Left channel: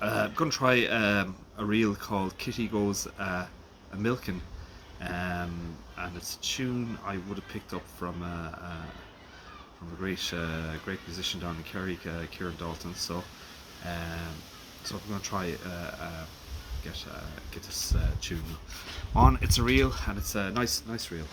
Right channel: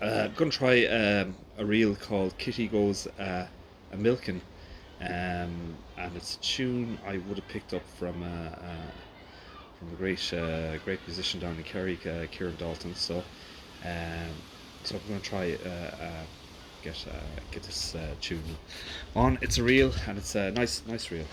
I'm going to try a reel called Kitty Goes a Milkin', and it's a tune I would have picked up from a great musician down in Kerry, Kieran Dalton. Um, so I'm going to try get this tune on. It's a reel, and it's a nice reel.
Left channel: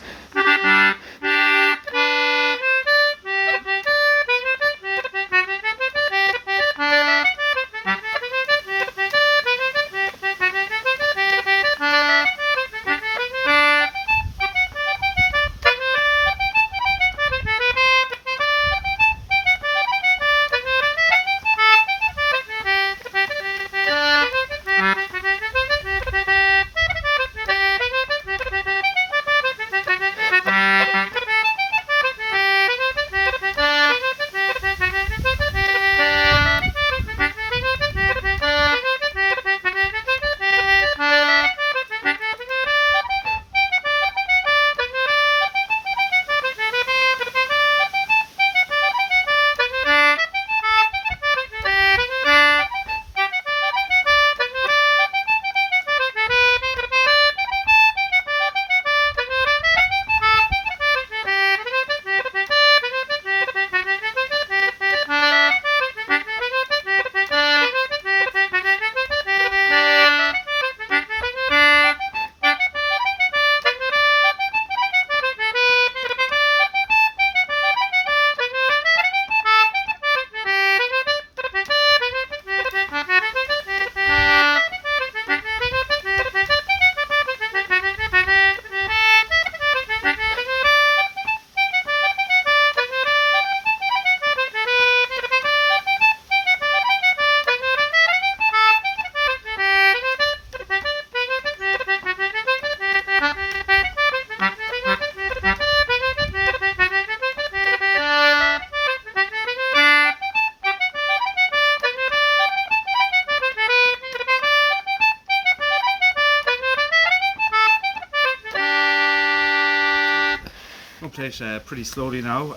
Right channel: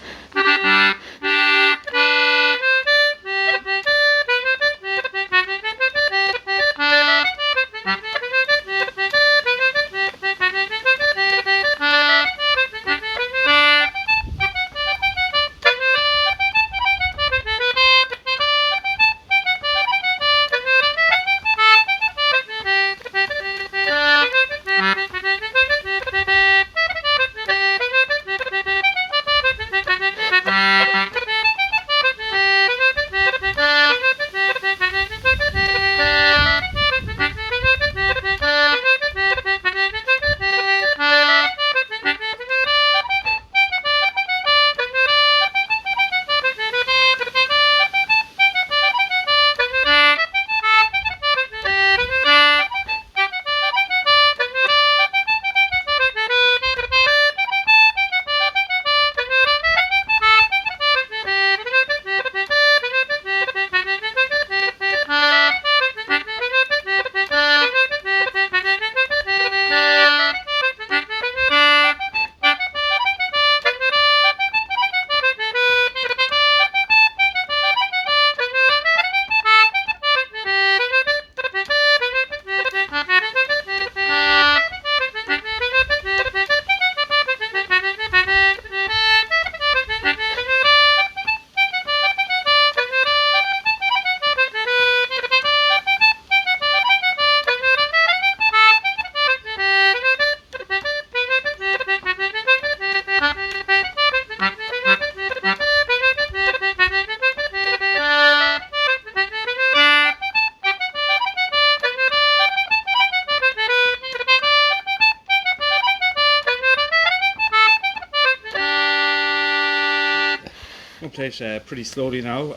I'll play it pretty slowly now,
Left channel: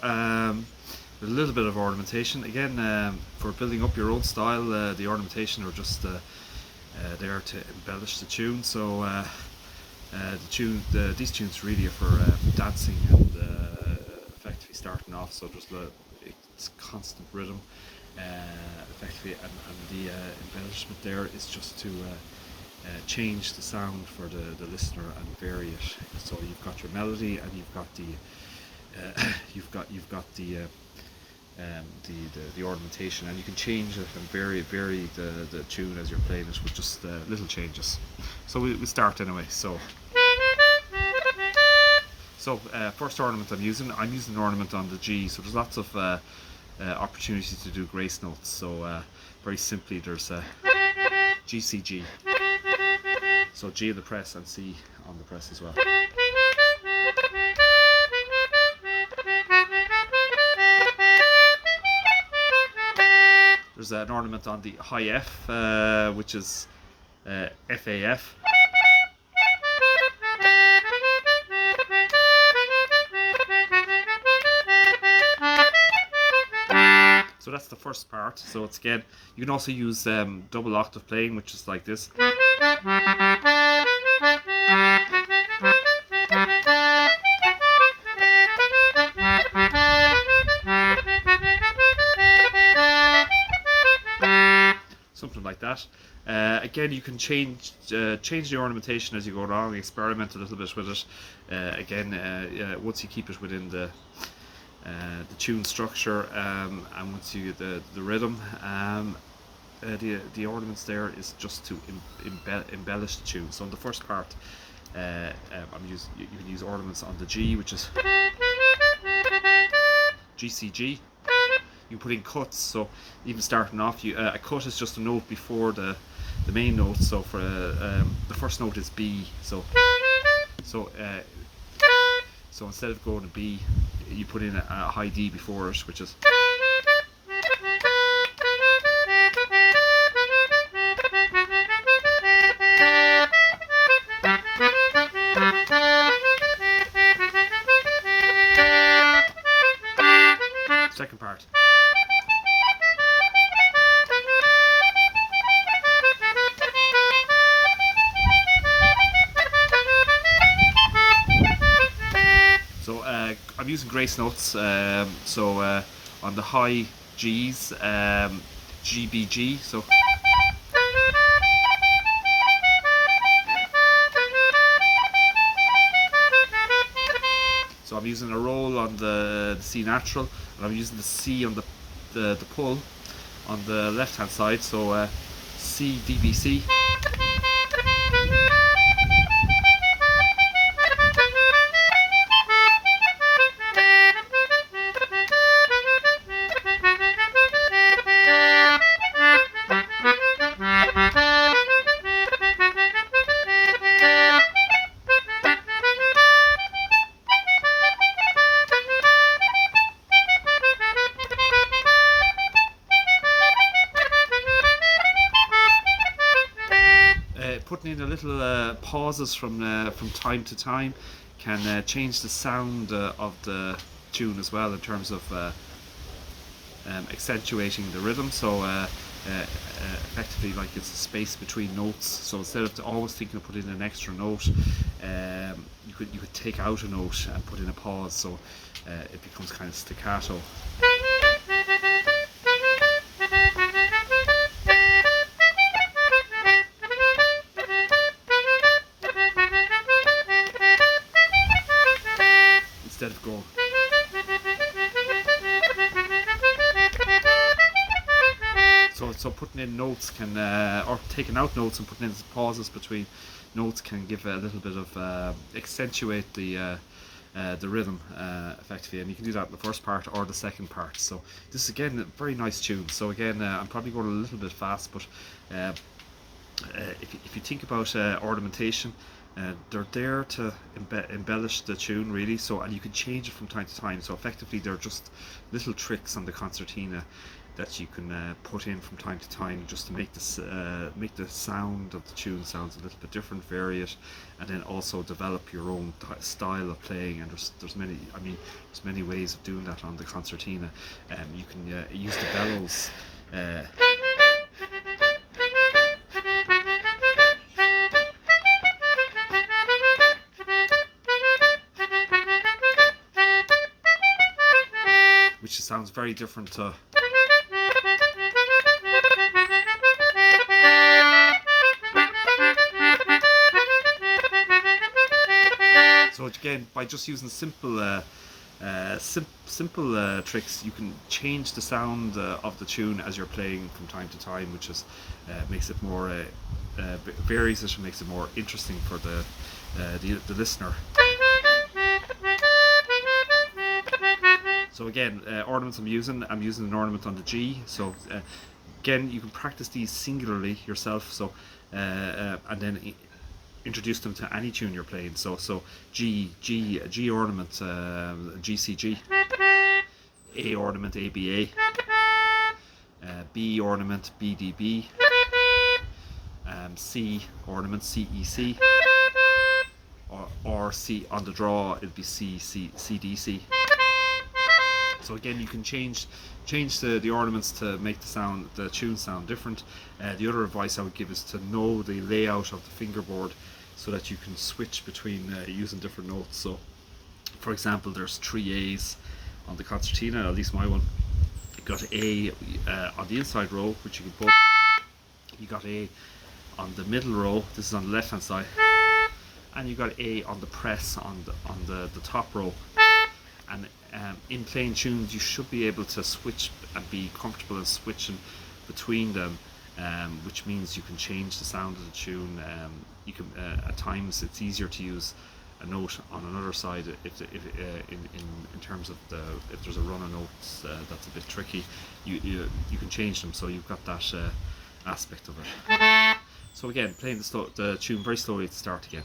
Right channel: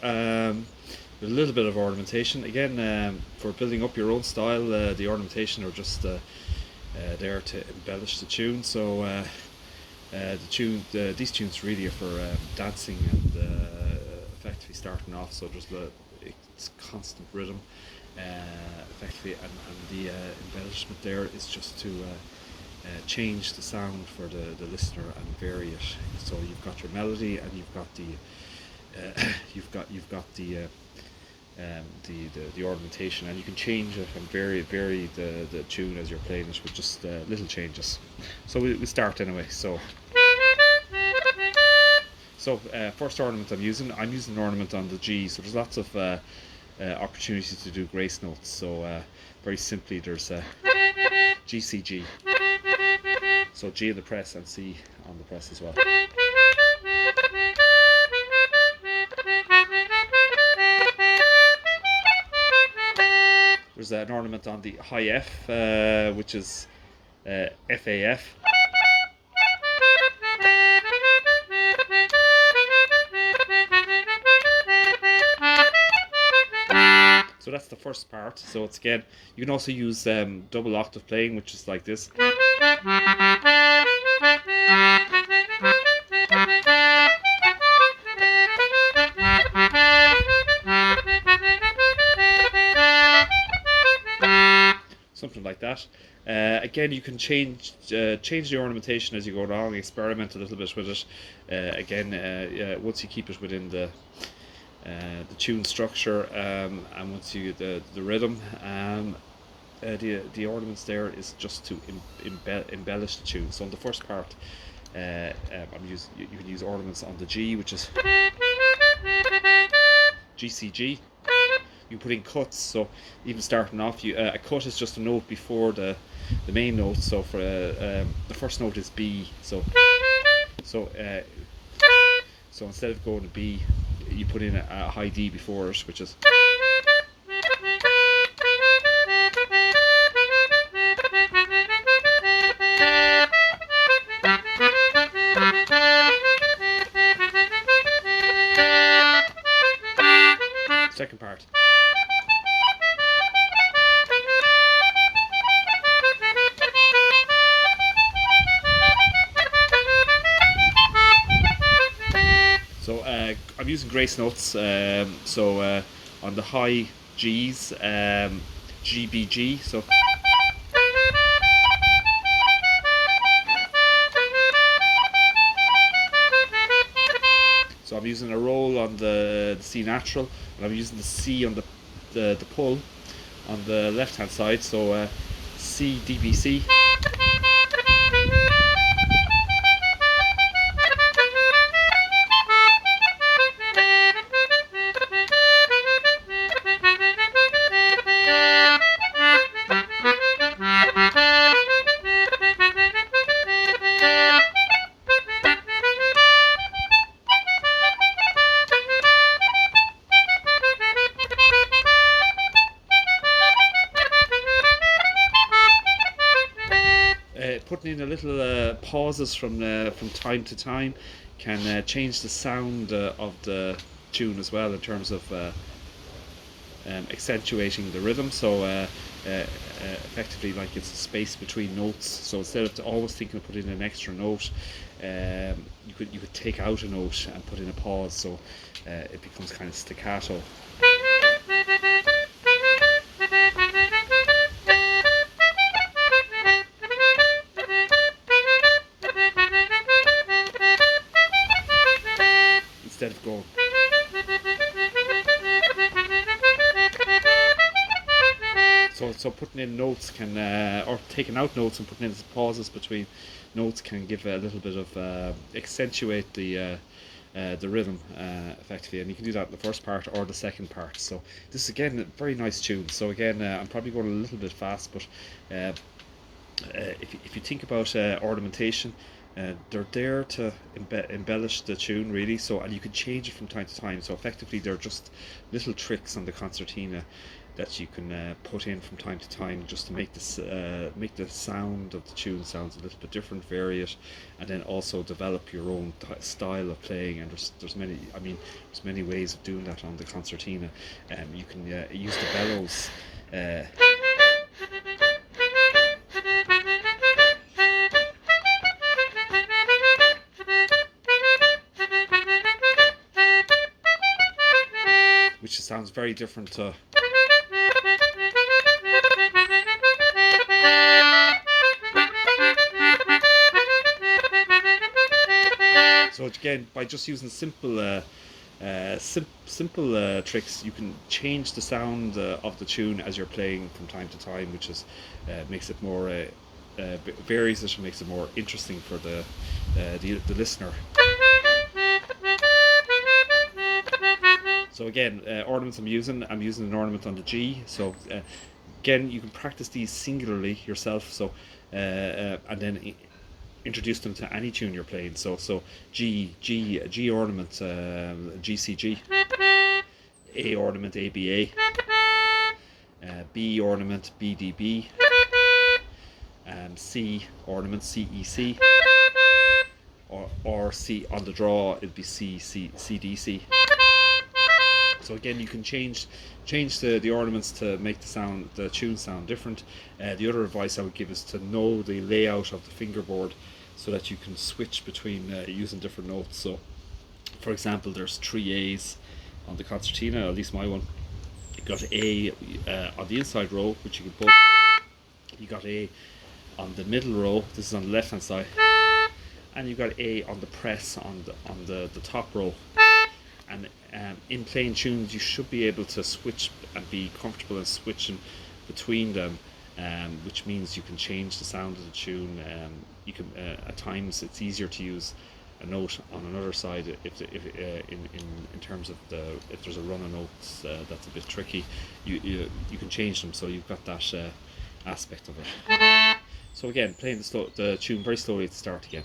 with a little bit of ornamentation. Again, for building up your own style, the ornamentation are just there to embellish the tune. So these tunes really are for dancing and effectively starting off. So just it's constant rhythm, effectively, and the embellishment there is just to change the sound for the listener and vary it. So you've got your melody, and you've got the ornamentation, and you can change it and vary the tune as you're playing it with just little changes. So we start anyway. First ornament I'm using an ornament on the G. So there's lots of opportunities to do grace notes. So very simply, there's G, C, G. So G on the press and C on the press as well. There's an ornament on the high F, which is FAF. So that's the first part. So it's again, you can also use double octave playing, which is like this. Something like that. Again, you can change the ornamentation as you go along, experiment a little bit with it. Once you keep it within the tune structure, and once you the rhythm, the ornaments there is just to embellish the tune. So in the first part, you can use ornaments on the G, which is G, C, G. You put in cuts, so even starting off, a cut is just a note before the main note. So for the first note is B. So instead of going to B, you put in a high D before it, which is. Second part. using grace notes. On the high G's, GBG. So I'm using a roll on the C natural, and I'm using the C on the pull on the left hand side. So C DBC. Putting in a little pauses from time to time can change the sound of the tune as well, in terms of accentuating the rhythm. So effectively, like, it's a space between notes. So instead of always thinking of putting in an extra note, you could take out a note and put in a pause, so it becomes kind of staccato. Instead of going. So putting in notes can, or taking out notes and putting in pauses between notes, can give a little bit of accentuate the rhythm effectively, and you can do that in the first part or the second part. So this is again a very nice tune. So again, I'm probably going a little bit fast, but if you think about ornamentation, they're there to embellish the tune, really. So, and you can change it from time to time. So effectively, they're just little tricks on the concertina that you can put in from time to time, just to make this make the sound of the tune sounds a little bit different, vary it, and then also develop your own style of playing. And there's many ways of doing that on the concertina. You can use the bellows. Which sounds very different to. So again, by just using simple tricks, you can change the sound of the tune as you're playing from time to time, which is makes it more varies it and makes it more interesting for the listener. So again, ornaments I'm using an ornament on the G. So again, you can practice these singularly yourself. So and then introduce them to any tune you're playing. So G ornament, GCG, A ornament, ABA, B ornament, BDB, C ornament, CEC, or C on the draw, it'd be CDC. So again, you can change the ornaments to make the tune sound different. The other advice I would give is to know the layout of the fingerboard, so that you can switch between using different notes. So, for example, there's 3 A's on the concertina, at least my one. You got A on the inside row, which you can pull. You got A on the middle row. This is on the left hand side, and you got A on the press on the top row. And in playing tunes, you should be able to switch and be comfortable in switching between them, which means you can change the sound of the tune. You can at times it's easier to use a note on another side if in terms of if there's a run of notes that's a bit tricky. You can change them, so you've got that aspect of it. So again, playing the tune very slowly at the start again.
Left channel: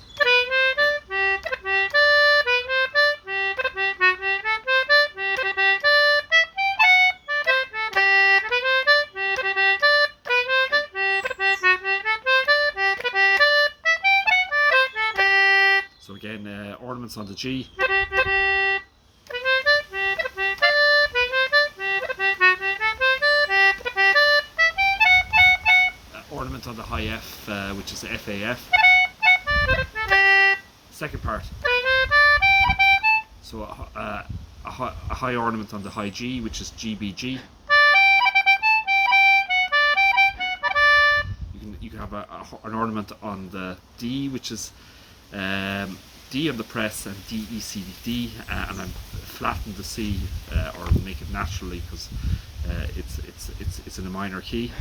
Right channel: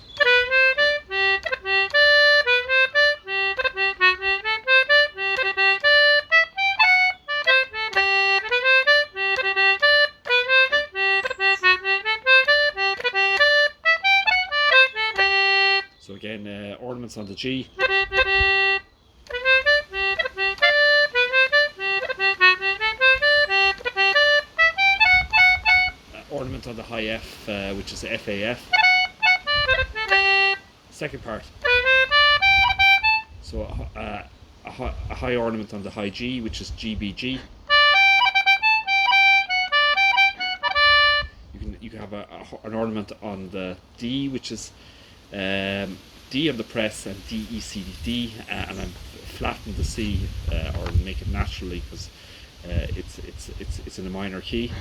So again, ornaments on the G. Ornament on the high F, which is FAF. Second part. So a high ornament on the high G, which is GBG. You can have an ornament on the D, which is D on the press, and D, E, C, D, and then flatten the C, or make it naturally, because it's in a minor key.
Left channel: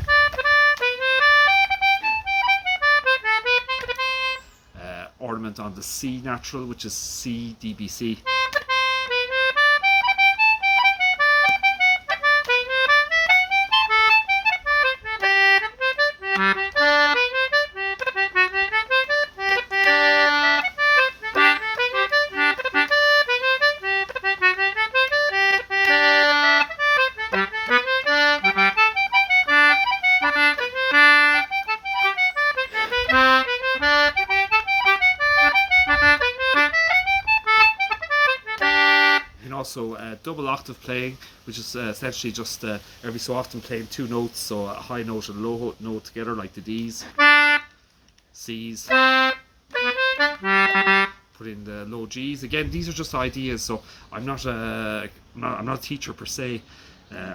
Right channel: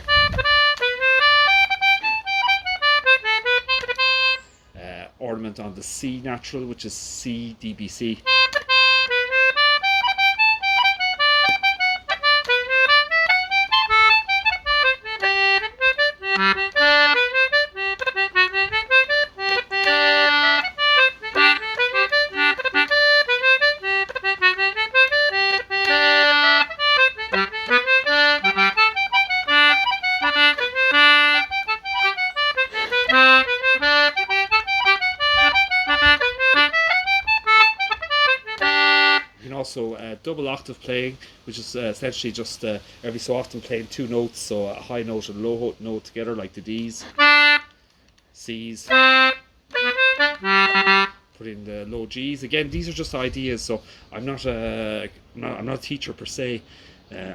Ornament on the C natural, which is C, D, B, C. Also double octave playing, which is essentially just every so often playing two notes, so a high note and a low note together, like the D's, C's, put in the low G's. Again, these are just ideas, so I'm not a teacher per se,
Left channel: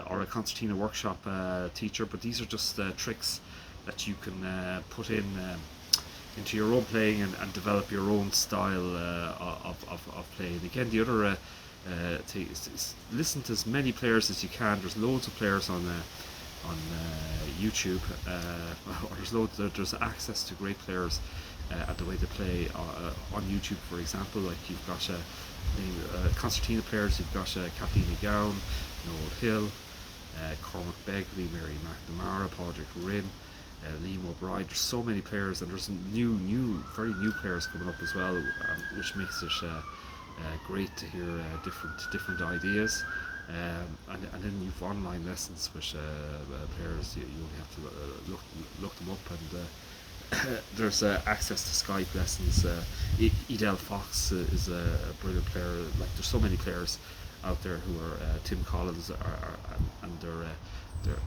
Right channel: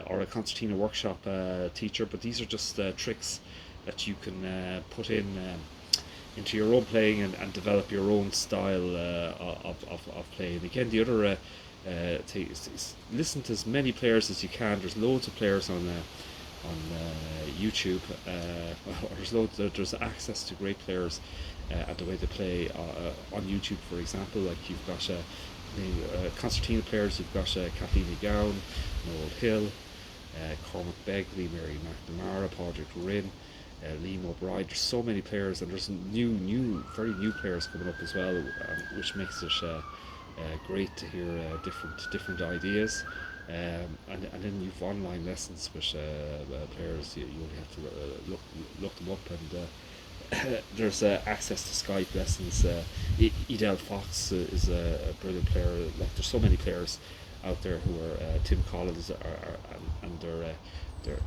or a concertina workshop teacher, but these are just tricks that you can put in into your own playing, and develop your own style of playing. Again, the other listen to as many players as you can. There's loads of players on YouTube, or there's access to great players and the way they play on YouTube. For example, like you've got concertina players. You've got Kathleen McGowan, Noel Hill, Cormac Begley, Mary McNamara, Padraig Rinn, Liam O'Brien. There's so many players, and there's very new players coming up as well, which makes it great to hear different ideas. And then you've online lessons with players. You only have to look them up, and there's access to Skype lessons. Edel Fox is a brilliant player. Like, there's so many players out there who are Tim Collins, and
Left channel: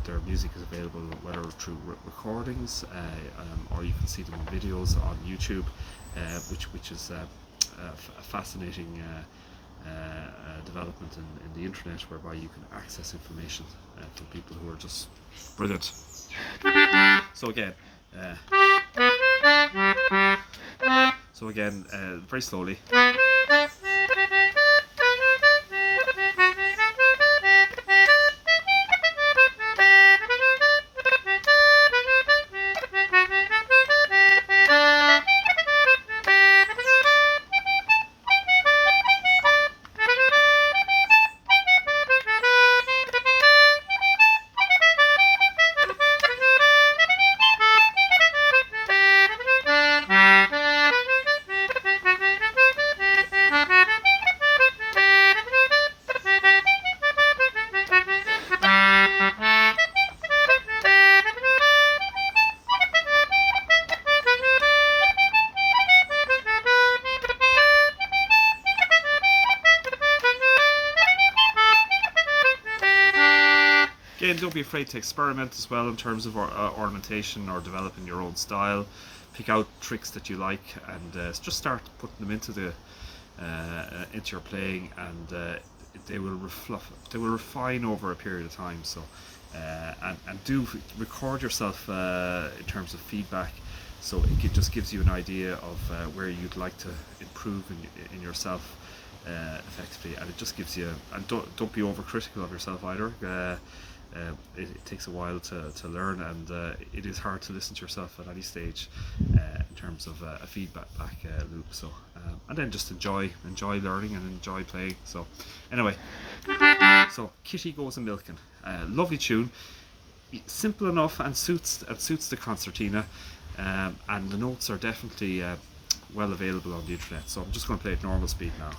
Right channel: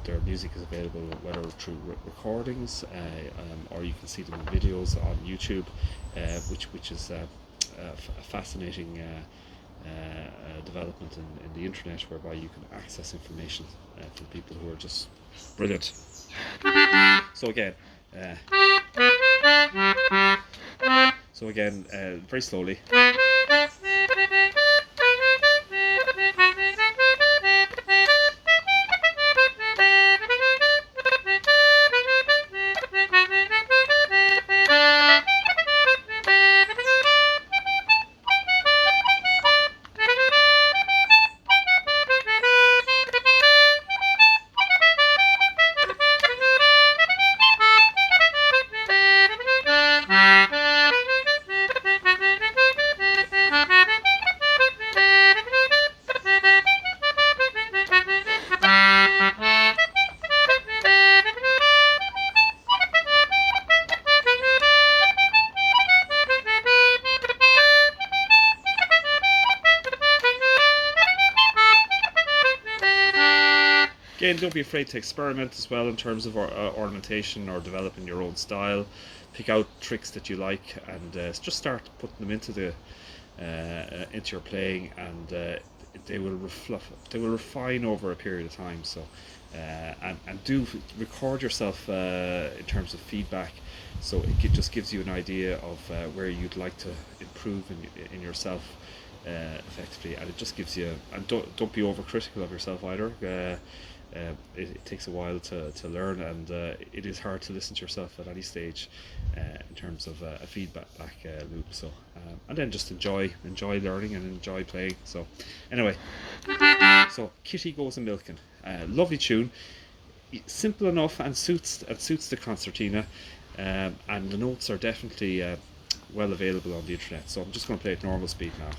their music is available whether through recordings, or you can see them in videos on YouTube, which is a fascinating development in the internet, whereby you can access information from people who are just brilliant. So again, very slowly. Again, don't be afraid to experiment as well in terms of ornamentation or developing your own style. Pick out tricks that you like, and just start putting them into your playing, and they will refine over a period of time. So and do record yourself in terms of feedback, so it just gives you an idea of where you'd like to improve in yourself effectively, and it just gives you, and don't be overcritical of yourself either. It takes a while to learn, and it is hard to listen to yourself at any stage in terms of a feedback loop. So and then just enjoy learning and enjoy playing. So anyway, so Kitty Goes a Milking, lovely tune, simple enough, and suits the concertina, and the notes are definitely well available on the internet. So I'm just going to play at normal speed now.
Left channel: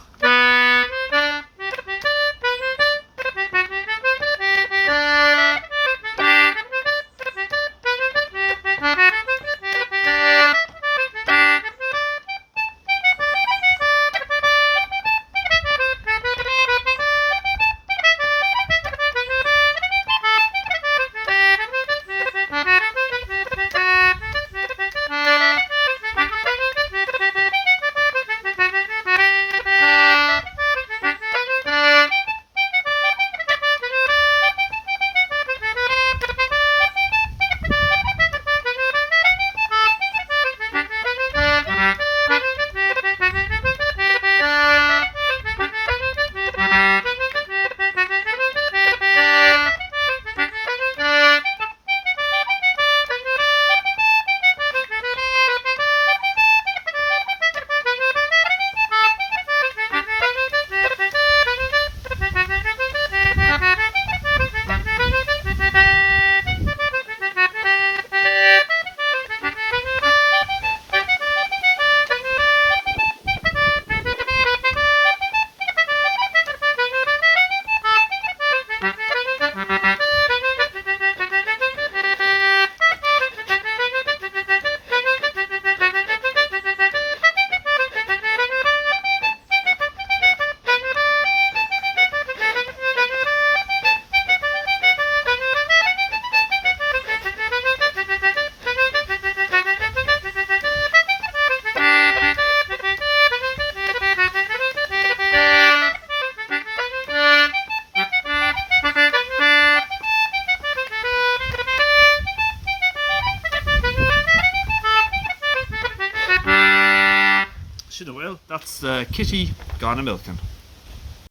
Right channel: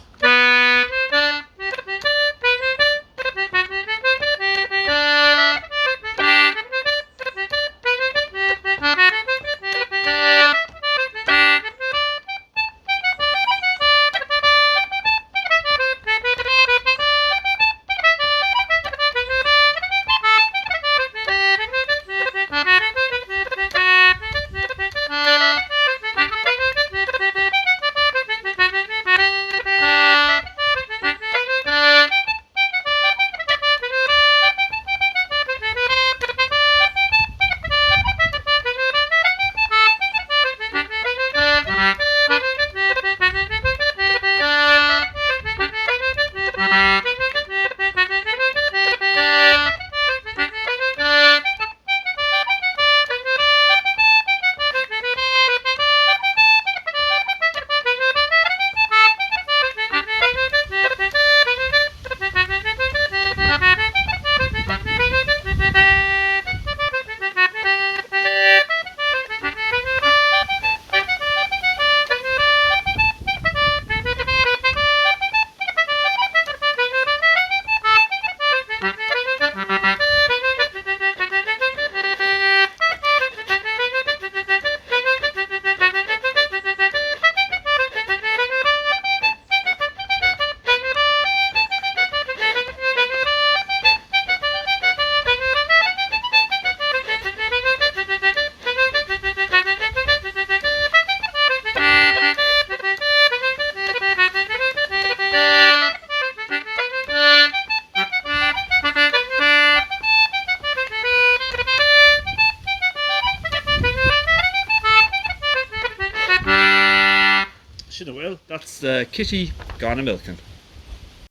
catch you in a while. That's Kitty gone a milking.